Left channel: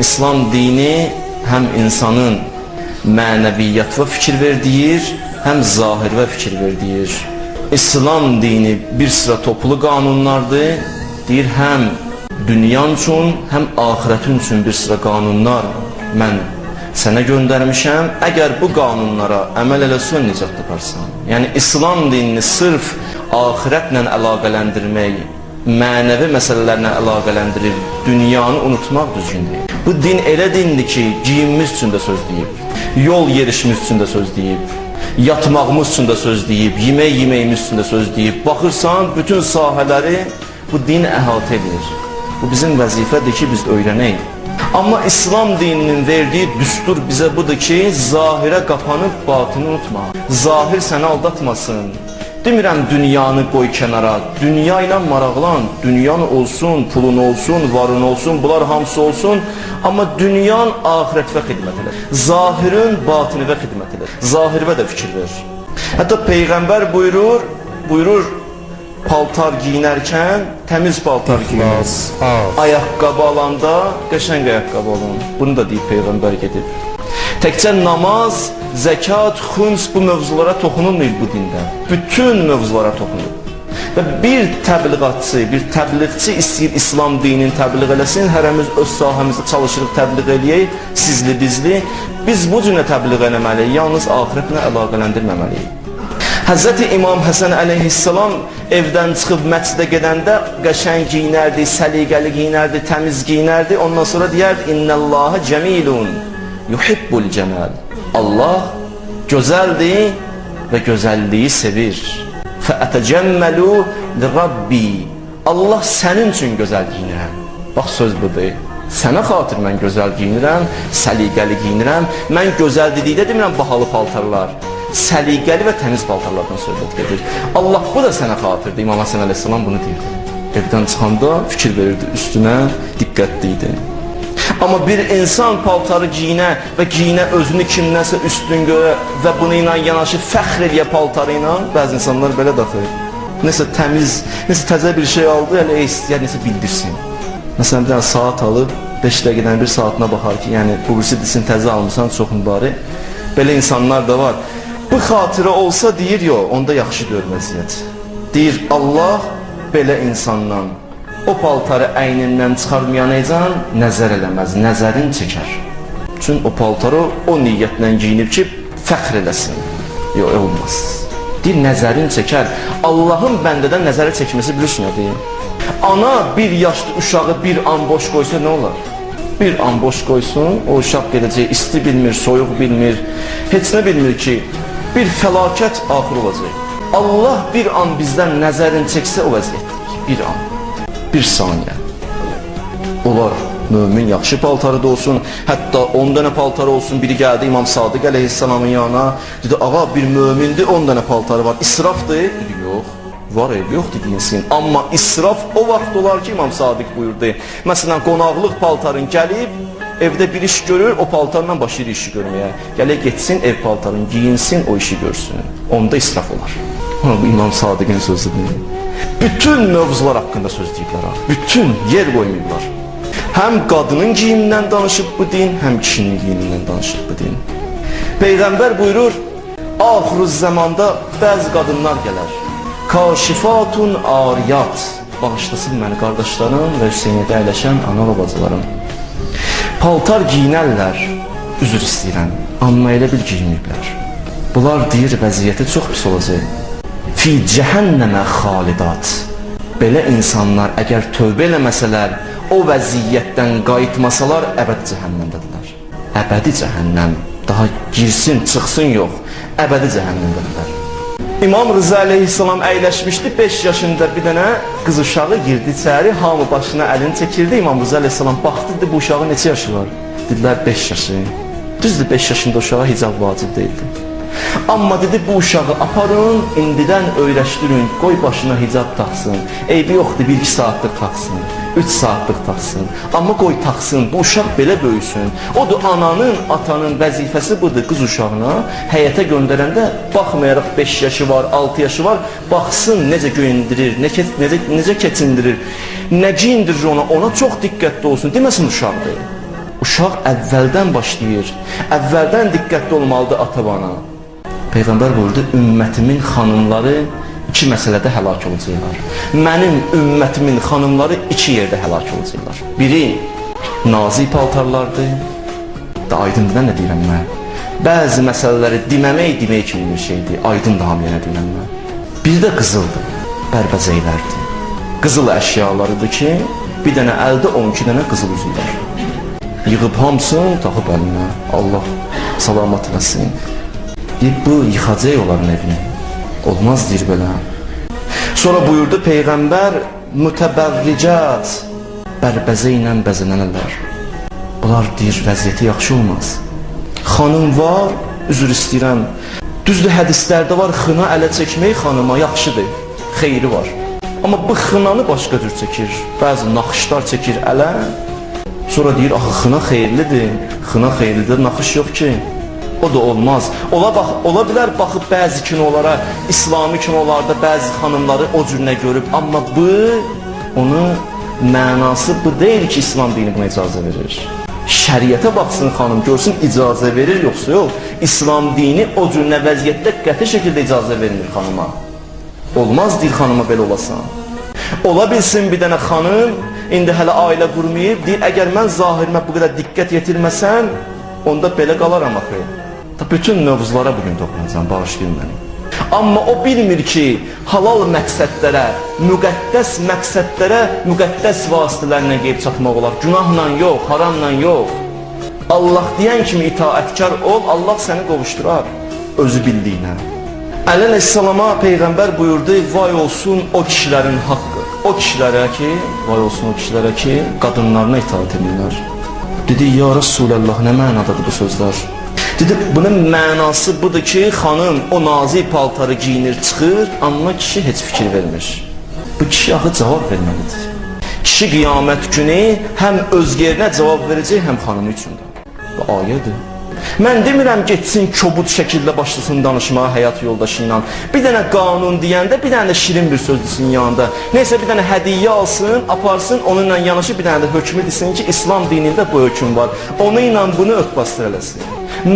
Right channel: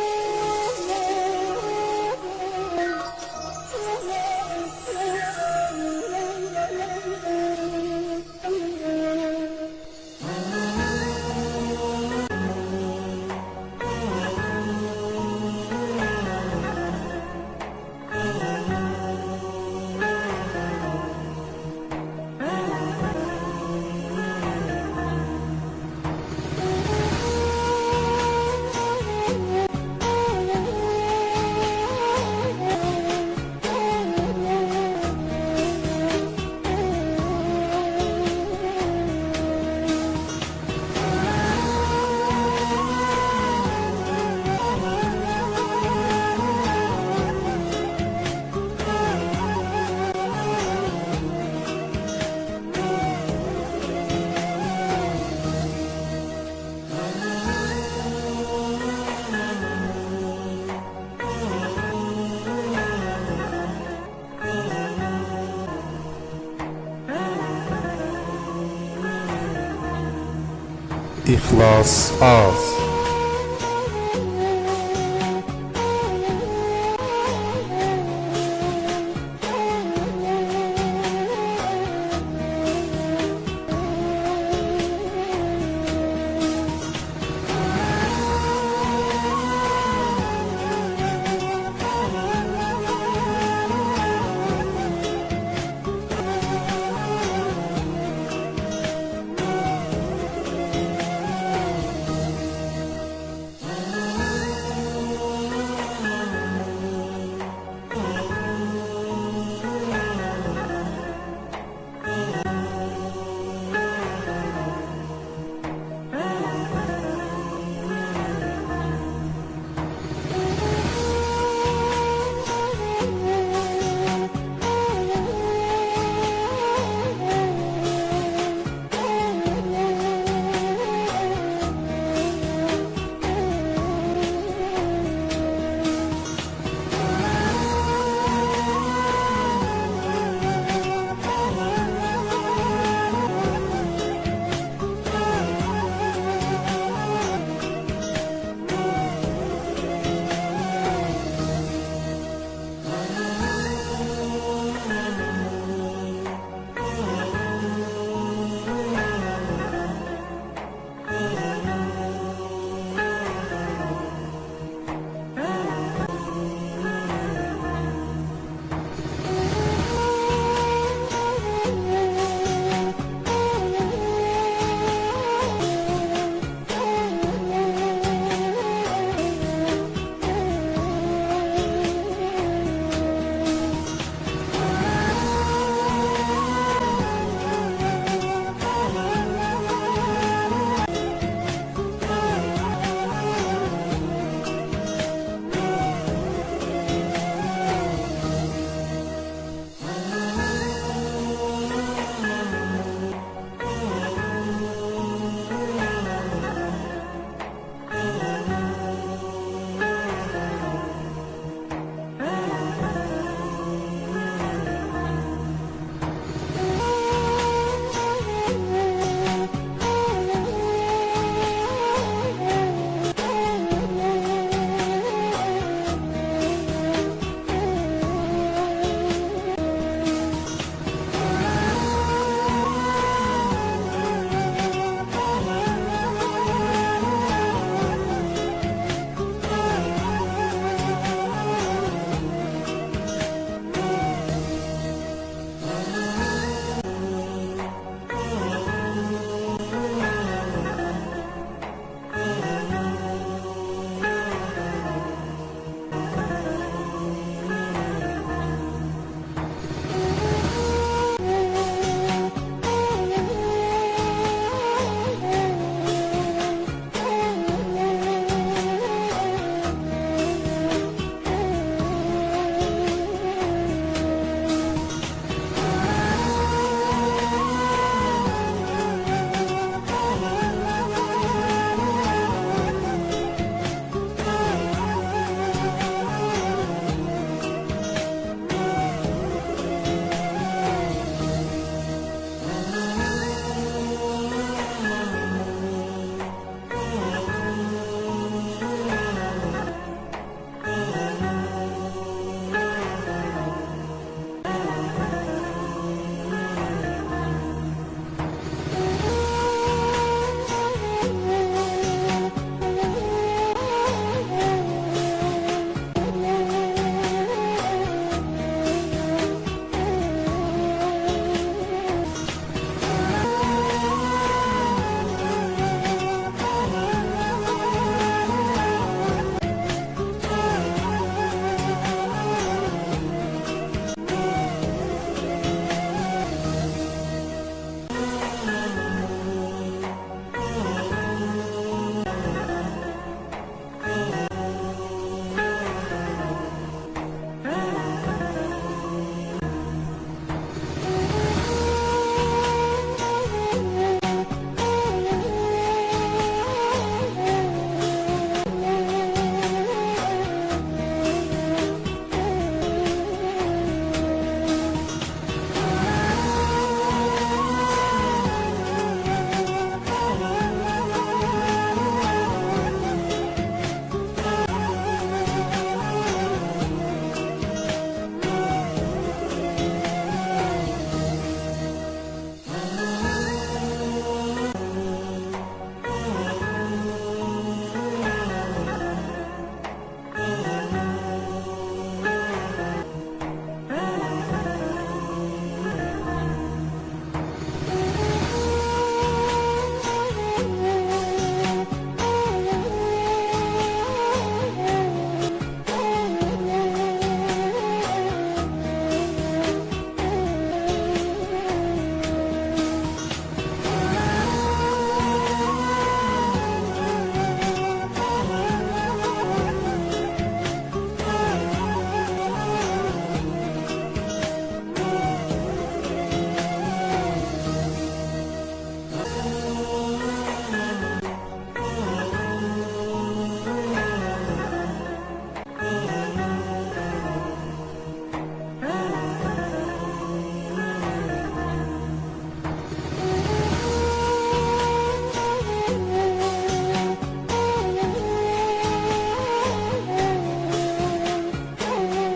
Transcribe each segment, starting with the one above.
İslam dini həm insanın mənəviyyat və fikir verdiğir, həm zahir və fikir verdiğir. İslam dini bir sıra toplu qanunlardır. Deyir, həm dünyan üçün, həm ahirətin üçün bir sıra qanunlar mən sənə göndərmişəm. Əgər bu qanunlara əməl eləsən, nicat taparsan. Yəni, İslam dinini sırf ahirətlə əlaqələndirmək, mənəvi məsələlərlə əlaqələndirir, dünyanı unutmaq düzgündür. Bu din elə dindir ki, giyimimiz üçün də söz deyib, yol yerişimiz üçün də söz deyib, yatmağımız üçün də söz deyib, yeməyimiz üçün də söz deyib. Baxırsan, bütün sahələri bu din əhatə edir. Bu bizim vəzifədir ki, biz öyrənək. Amma İslam dininin verdiyi düstur bizə budur ki, zahirə qapanıb batını unutma. Zahir səni aldatmasın. Demirəm dünyanı qoy kənara, dünya ilə maraqlan, dünyan olsun, pulun olsun, varın olsun, bunlar hamısı olsun. Amma dünyan ahirətvə xidmət edir. Zahirin batinivə xidmət edir. Zahirvə də fikir ver. Hətta Peyğəmbər buyurur, paltar giyinərkən təmiz paltar İxlas, ayaqqabı alanda qəşəng ayaqqabı alın. Bunu da deyib Peyğəmbər gedib. Təkcə namaz, zəkat, xums bu mövzulara toxunulmayıb bu dində. Bütün mövzulara toxunulur. Və bir təbliğatçı, bir təbliğçi istəyir İslam dinini təbliğ eləsin, hərəmiz öz sahəmizdə çalışırıq təbliğ eləyək, sizli bizli. Biz bu cürə təbliğ eləməliyik, yalnız ahirətlə əlaqələndirməməliyik. Həzrəti İmam Həsən əleyhissalam evdən çıxıb məscidə gedəndə qəşəng giyinərdi, səliqəli giyinərdi, təmiz giyinərdi. Ondan sonra deyərdi, İnnəllâhə cəmilun, yuhibbul cəməl. Allah gözəldir və gözəlliyi sevir. Fəətəcəmməlu li-Rabbi. Allah sənin üçün gözəl giyinirəm. Bax, söz budur. Sənə xatir mən gözəl giyinirəm, səliqəli giyinirəm. Mən gözəl dedikdə demirəm bahalı paltarlar. Səliqəli və təmiz paltarlardan söhbət gedir. Allah bu da sənə xatirdir. İmam Həsən əleyhissalam bunu deyir. Evdən çıxanda fikir verirdi, üstünə diqqətli idi. Amma bir insan paltarı giyinə və giyinə özünü kimdənsə üstün görə və bunu ilə yanaşı fəxr eləyə paltarı ilə, bəzi insanlar belə daxil. Nəsə təmiz, nəsə təzə bir şey aldı, elə istəyər, nəsə bildirsin. Məsələn, bir saat alıb, 5 dəqiqədən bir saatına baxar ki, yəni publisitisini təzə almışsan, çox mübarək. Belə insanlar da var. Bu xatirə olsa deyir, yox, onda yaxşı gör vəziyyət. Deyir, Allah belə insandan o paltarı əynindən çıxarmayanaycan nəzər eləməz, nəzərin çəkər. Çünki o paltarı o niyyətlə giyinib ki, fəxr eləsin. Yox, olmaz. Deyir, nəzərin çəkər. Allahın bəndədən nəzəri çəkməsi bilirsin, deyir. Ana bir yaşlı uşağı bir an boş qoysa nə olar? Bir an boş qoysun, o uşaq gedəcək, isti bilmir, soyuq bilmir, heç nə bilmir ki, bir fəlakət axır olacaq. Allah bir an bizdən nəzərin çəksə o vəziyyət, bir an, bir saniyə. Olar, mömin yaxşı paltarı da olsun, hətta 10 dənə paltarı olsun, biri gəldi İmam Sadiq əleyhissalamın yanına, dedi, ağa bir mömindir, 10 dənə paltarı var, israfdır? Yox, var ev, yoxdur deyilsin. Amma israf o vaxt olar ki, İmam Sadiq buyurdu. Məsələn, qonaqlıq paltarın gəlib, evdə bir iş görür, o paltarla başlayır işi görməyə. Gələk getsin, ev paltarını giyinsin, o işi görsün. Onda israf olar. İmam Sadiqin sözü deyil. Bütün mövzular haqqında söz deyirlər. Bütün yer qoyurlar. Həm qadının giyimindən danışıb bu din, həm kişinin giyimindən danışıb bu din. Peyğəmbər buyurur, axır zamanda bəzi qadınlar gələr. Kaşifatun ariyat. Bağışlasın məni qardaşlarım və Hüseynidə əyləşən ana babacılarım. Paltar giyinərlər, üzr istəyirəm, amma elə bil giyinirlər. Bunlar deyir, vəziyyəti çox pis olacaq. Fi cəhənnəmə xalidat. Belə insanlar əgər tövbə eləməsələr, o vəziyyətdən qayıtmasalar, əbəd cəhənnəmdədirlər. Əbədi cəhənnəm, daha girsin, çıxsın yox, əbədi cəhənnəmdədirlər. İmam Rıza əleyhissalam əyləşmişdi, 5 yaşında bir dənə qız uşağı girdi içəri, hamı başına əlini çəkirdi. İmam Rıza əleyhissalam baxdı, bu uşağın neçə yaşı var? Dedilər, 5 yaşı. Düzdür, 5 yaşında uşağa hicab vacib deyildi. Amma dedi, bu uşağı aparın, indidən öyrəşdirin, qoy başına hicab taxsın. Eybi yoxdur, 1-2 saatlıq taxsın, 3 saatlıq taxsın. Amma qoy taxsın, bu uşaq belə böyüsün. Odur, ananın, atanın vəzifəsi budur qız uşağına. Həyətə göndərəndə, baxmayaraq 5 yaşı var, 6 yaşı var, baxsın necə göyündirir, necə keçindirir, nə giyindirir ona çox diqqətli olsun, deməsin uşaqdır. uşaq əvvəldən başlayır. Əvvəldən diqqətli olmalıdır ata-bana. Peyğəmbər buyurdu, ümmətimin xanımları iki məsələdə həlak olacaqlar. Mənim ümmətimin xanımları iki yerdə həlak olacaqlar. Biri nazik paltarlardır. Da aydındır, nə deyirəm mən? Bəzi məsələləri demək kimi bir şeydir. Aydın da hamıya deyirəm mən. Bir də qızıldır, bərbəzəklərdir. Qızıl əşyalarıdır ki, bir dənə əldə 12 dənə qızıl üzüklər. Yığıb hamısını taxıb əlinə. Allah salamat eləsin. Bu yıxacaq onların evini. Olmaz deyir belə. Sonra buyurdu Peyğəmbər, mütəbərricat, bərbəzə ilə bəzənənələr. Bunlar deyir, vəziyyəti yaxşı olmaz. Xanım var, üzr istəyirəm. Düzdür, hədislərdə var, xına ələ çəkmək xanıma yaxşıdır, xeyri var. Amma bu xınanı başqa cür çəkir. Bəzi naxışlar çəkir ələ. Sonra deyir, axı xına xeyirlidir. Xına xeyirlidir, naxış yox ki. O da olmaz. Ola bilər baxıb bəzi kinolara, İslami kinolarda bəzi xanımları o cürünə görüb. Amma bu, onun mənası bu deyil ki, İslam dini buna icazə verir. Şəriətə baxsın xanım, görsün icazə verir, yoxsa yox. İslam dini o cürünə vəziyyətdə qəti şəkildə icazə verilir xanıma. Olmaz deyir xanıma belə olasan. Ola bilsin bir dənə xanım, indi hələ ailə qurmayıb, deyir, əgər mən zahirimə bu qədər diqqət yetirməsəm, onda belə qalaram axı. Bütün mövzulara bugün toxunacam, bağışlayın məni. Amma o bilmir ki, halal məqsədlərə, müqəddəs məqsədlərə, müqəddəs vasitələrlə qeyb çatmaq olar. Günahla yox, haramla yox. Allah deyən kimi itaətkar ol, Allah səni qovuşdurar özü bildiyinə. Əleyhissalama Peyğəmbər buyurdu, vay olsun o kişilərin haqqı. O kişilərə ki, vay olsun o kişilərə ki, qadınlarına itaat edirlər. Dedi, ya Rasulallah, nə mənadadır bu sözlər? Dedi, bunun mənası budur ki, xanım o nazik paltarı giyinir, çıxır, amma kişi heç fikir vermir. Bu kişi axı cavab verməlidir. Kişi qiyamət günü həm özgərinə cavab verəcək, həm xanımı üçün. Bu ayədir. Mən demirəm getsin kobud şəkildə başlasın danışmağa həyat yoldaşı ilə. Bir dənə qanun deyəndə, bir dənə də şirin bir söz desin yanında. Neysə bir dənə hədiyyə alsın, aparsın, onunla yanaşı bir dənə də hökmü desin ki, İslam dinində bu hökm var. Onu ilə bunu örtbasdır eləsin.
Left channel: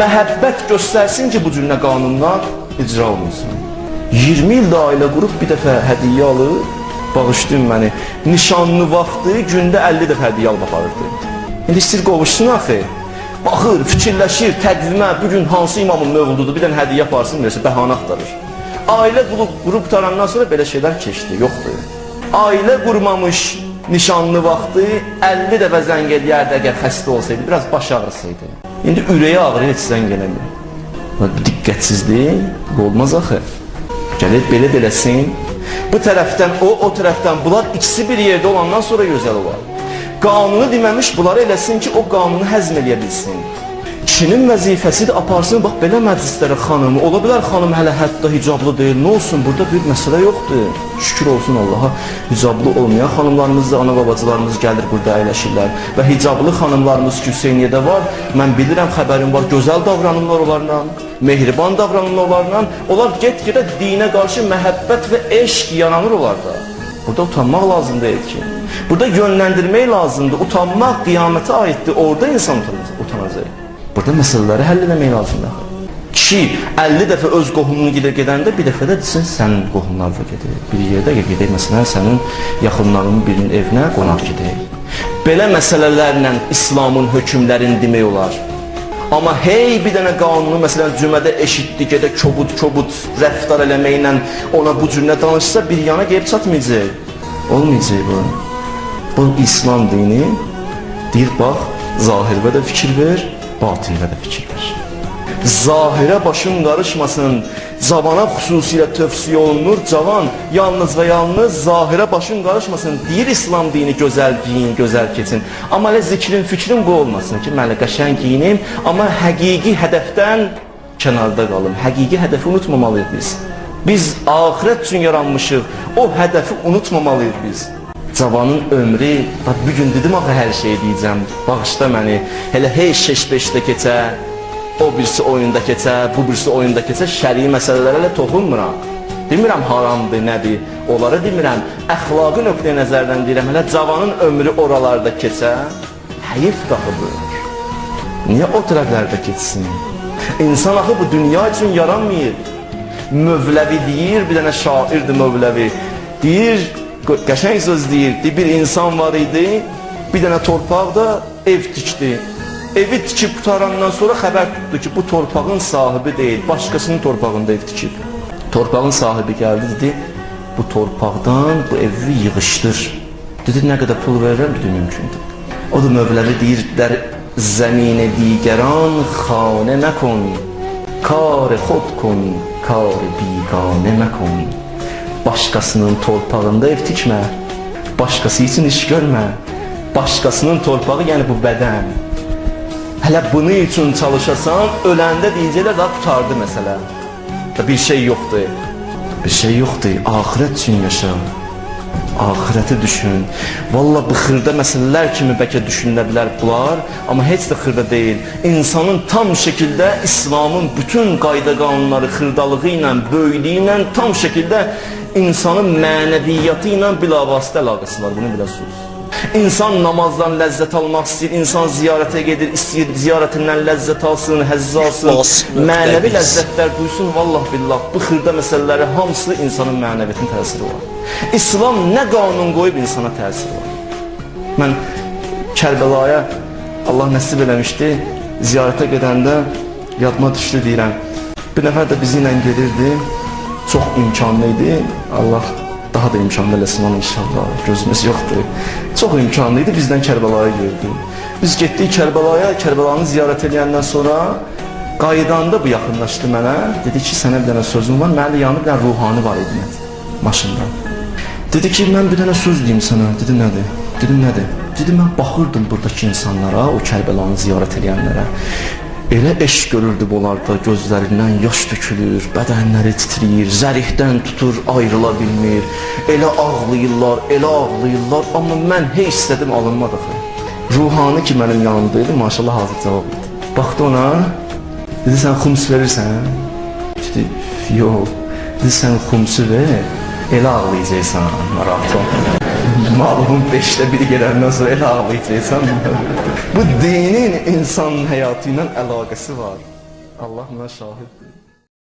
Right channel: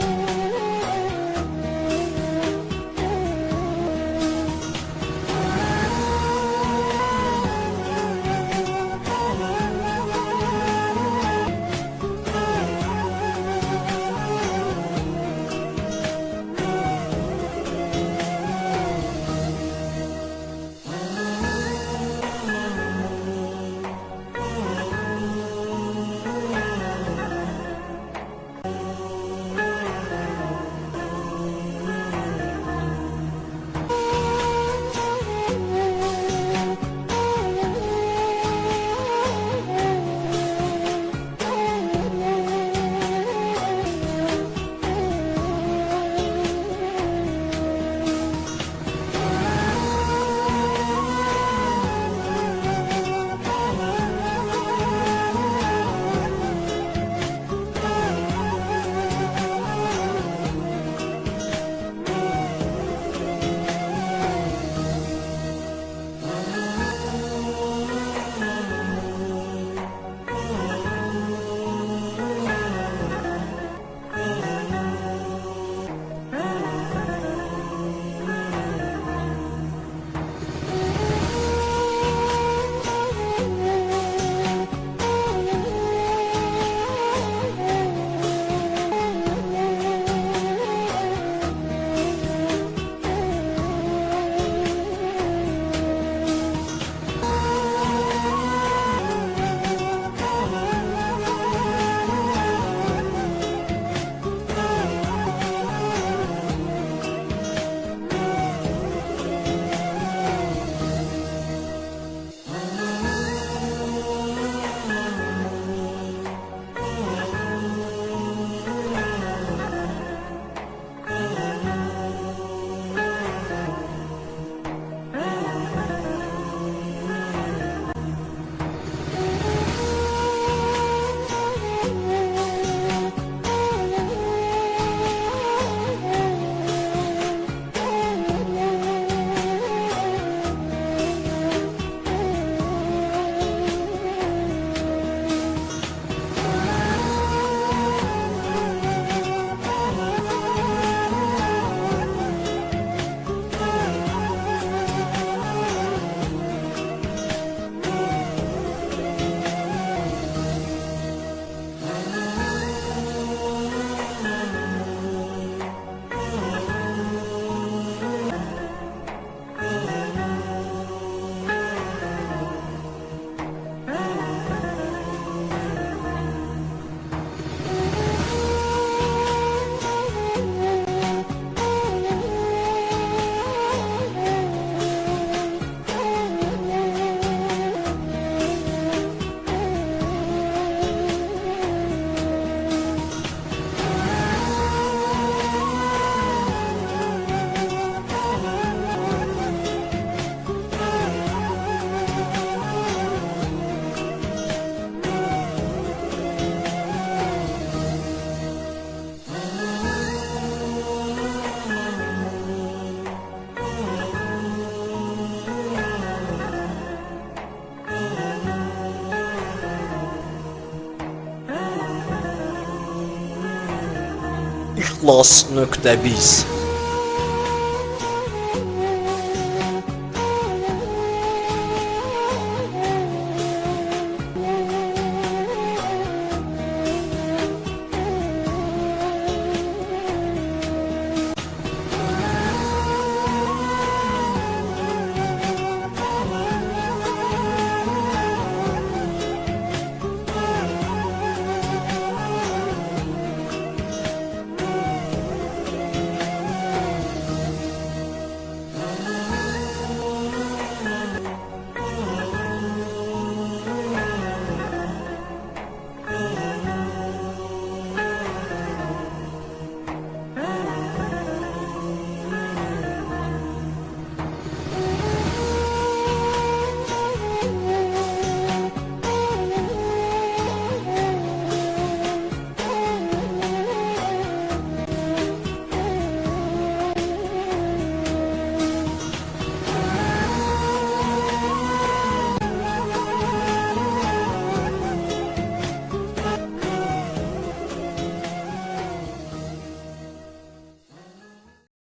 Məhəbbət göstərsin ki, bu cürünə qanunlar icra olunsun. 20 ildə ailə qrup bir dəfə hədiyyə alır, bağışlayın məni, nişanlı vaxtı gündə 50 dəfə hədiyyə almaq aparırdı. İndi istir qovuşsun axı. Baxır, fikirləşir, təqvimə, bugün hansı imamın mövlududur, bir dənə hədiyyə aparsın, versə, bəhanə axtarır. Ailə qrup tarandan sonra belə şeylər keçdi, yoxdur. Ailə qurmamış nişanlı vaxtı 50 dəfə zəng eləyərdi, əgər xəstə olsaydı, biraz baş ağrısıydı. İndi ürəyi ağrıyır, heç zəng eləmir. Diqqətsizlik, bu olmaz axı. Gəlir, belə beləsin. Bu tərəfdən o tərəfdən bunlar ikisi bir yerdə olandan sonra gözəl olar. Qanunu deməmiş bunları eləsin ki, o qanunu həzm eləyə bilsin. Kişinin vəzifəsidir, aparsın, bax, belə məclislərə xanımı. Ola bilər xanım hələ hətta hicablı deyil, nə olsun, burada bir məsələ yoxdur. Şükür olsun Allaha, hicablı olmayan xanımlarımız da, ana babacılarımız gəlir, burada əyləşirlər. Və hicablı xanımlarımız ki, Hüseyniyədə var, mən bilirəm, xəbərim var, gözəl davranırlar onlarla, mehriban davranırlar onlarla. Onlar get-gedə dinə qarşı məhəbbət və eşq yananır onlarda. Burada utanmaq lazım deyil ki. Burada yönləndirmək lazımdır, utanmaq qiyamətə aiddir, orada insan utanacaq. Burada məsələləri həll etmək lazımdır. Kişi 50 dəfə öz qohumunu gedəndə bir dəfə də desin, sənin qohumlar da gedir. Bir yerdə gedək, məsələn, sənin yaxınlarının birinin evinə qonaq gedək. Belə məsələlərlə İslamın hökmlərini demək olar. Amma hey bir dənə qanunu, məsələn, cümədə eşitdi, gedə kobud rəftar eləməklə ona bu cürünə danışsa, bir yana qeyb çatmayacaq. Olmayacaq bu. Bu İslam dini deyir, bax, zahirə də fikir ver, batinə də fikir ver. Zahirə başın qarışmasın, cavana xüsusilə tövsiyə olunur, cavan yalnız və yalnız zahirə başın qarışmasın, deyir İslam dini gözəl giyin, gözəl keçin. Amma elə zikrin, fikrin bu olmasın ki, mən qəşəng giyinim, amma həqiqi hədəfdən kənarda qalım. Həqiqi hədəfi unutmamalıyıq biz. Biz axirət üçün yaranmışıq, o hədəfi unutmamalıyıq biz. Cavanın ömrü, bugün dedim axı hər şey deyəcəm, bağışla məni, elə hey 5-5-də keçə, o birisi oyunda keçə, bu birisi oyunda keçə, şəri məsələlərə toxunmuram. Demirəm haramdır, nədir, onları demirəm, əxlaqı nöqteyi nəzərdən deyirəm, hələ cavanın ömrü oralarda keçə, həyif daxıdır. Niyə o tərəflərdə keçsin? İnsan axı bu dünya üçün yaranmayıb. Mövləvi deyir, bir dənə şairdir Mövləvi. Deyir, qəşəng söz deyir, bir insan var idi, bir dənə torpaqda ev tikdi. Evi tikib qutarandan sonra xəbər tutdu ki, bu torpağın sahibi deyil, başqasının torpağında ev tikib. Torpağın sahibi gəldi, dedi, bu torpaqdan bu evi yığışdır. Dedi, nə qədər pul verirəm, dedi, mümkündür. O da Mövləvi deyir, der zəminə digəran xanə nəkon, kar xod kon, kar biganə nəkon. Başqasının torpağında ev tikmə, başqası üçün iş görmə, başqasının torpağı, yəni bu bədən. Hələ bunu üçün çalışasan, öləndə deyəcəklər, daha tutardı məsələ. Bir şey yoxdur, bir şey yoxdur, axirət üçün yaşa, axirəti düşün. Valla bu xırda məsələlər kimi bəlkə düşünülədilər bunlar, amma heç də xırda deyil. İnsanın tam şəkildə İslamın bütün qayda qanunları xırdalığı ilə, böyüklüyü ilə tam şəkildə insanın mənəviyyatı ilə bilavasitə əlaqəsi var, bunu bilirsiniz. İnsan namazdan ləzzət almaq istəyir, insan ziyarətə gedir, istəyir ziyarətindən ləzzət alsın, həzz alsın, mənəvi ləzzətlər duysun, vallah billah, bu xırda məsələləri hamısı insanın mənəviyyatını təsir olur. İslam nə qanun qoyub insana təsir olur. Mən Kərbəlaya Allah nəsib eləmişdi, ziyarətə gedəndə yadıma düşdü deyirəm. Bir nəfər də bizi ilə gedirdi, çox imkanlı idi, Allah daha da imkanlı eləsin inşallah, gözümüz yoxdur. Çox imkanlı idi, bizdən Kərbəlayı gördü. Biz getdik Kərbəlaya, Kərbəlanı ziyarət edəndən sonra qayıdanda bu yaxınlaşdı mənə. Dedi ki, sənə bir dənə sözüm var, mənə yanı bir dənə ruhani var idi maşında. Dedi ki, mən bir dənə söz deyim sənə. Dedi, nədir? Dedim, nədir? Dedi, mən baxırdım buradakı insanlara, o Kərbəlanı ziyarət edənlərə. Elə eşq görürdüm onlarda, gözlərindən yaş tökülür, bədənləri titriyir, zərihdən tutur, ayrıla bilmir. Elə ağlayırlar, amma mən heç istədim alınmadı. Ruhani ki, mənim yanımdaydı, maşallah hazır cavab. Baxdı ona, dedi, sən xums verirsən? Dedi, yox. Dedi, sən xumsu ver, elə ağlayacaqsan, maraqlı. Malımın 5'te biri gələndən sonra elə ağlayacaqsan. Bu dinin insan həyatı ilə əlaqəsi var. Allah buna şahid.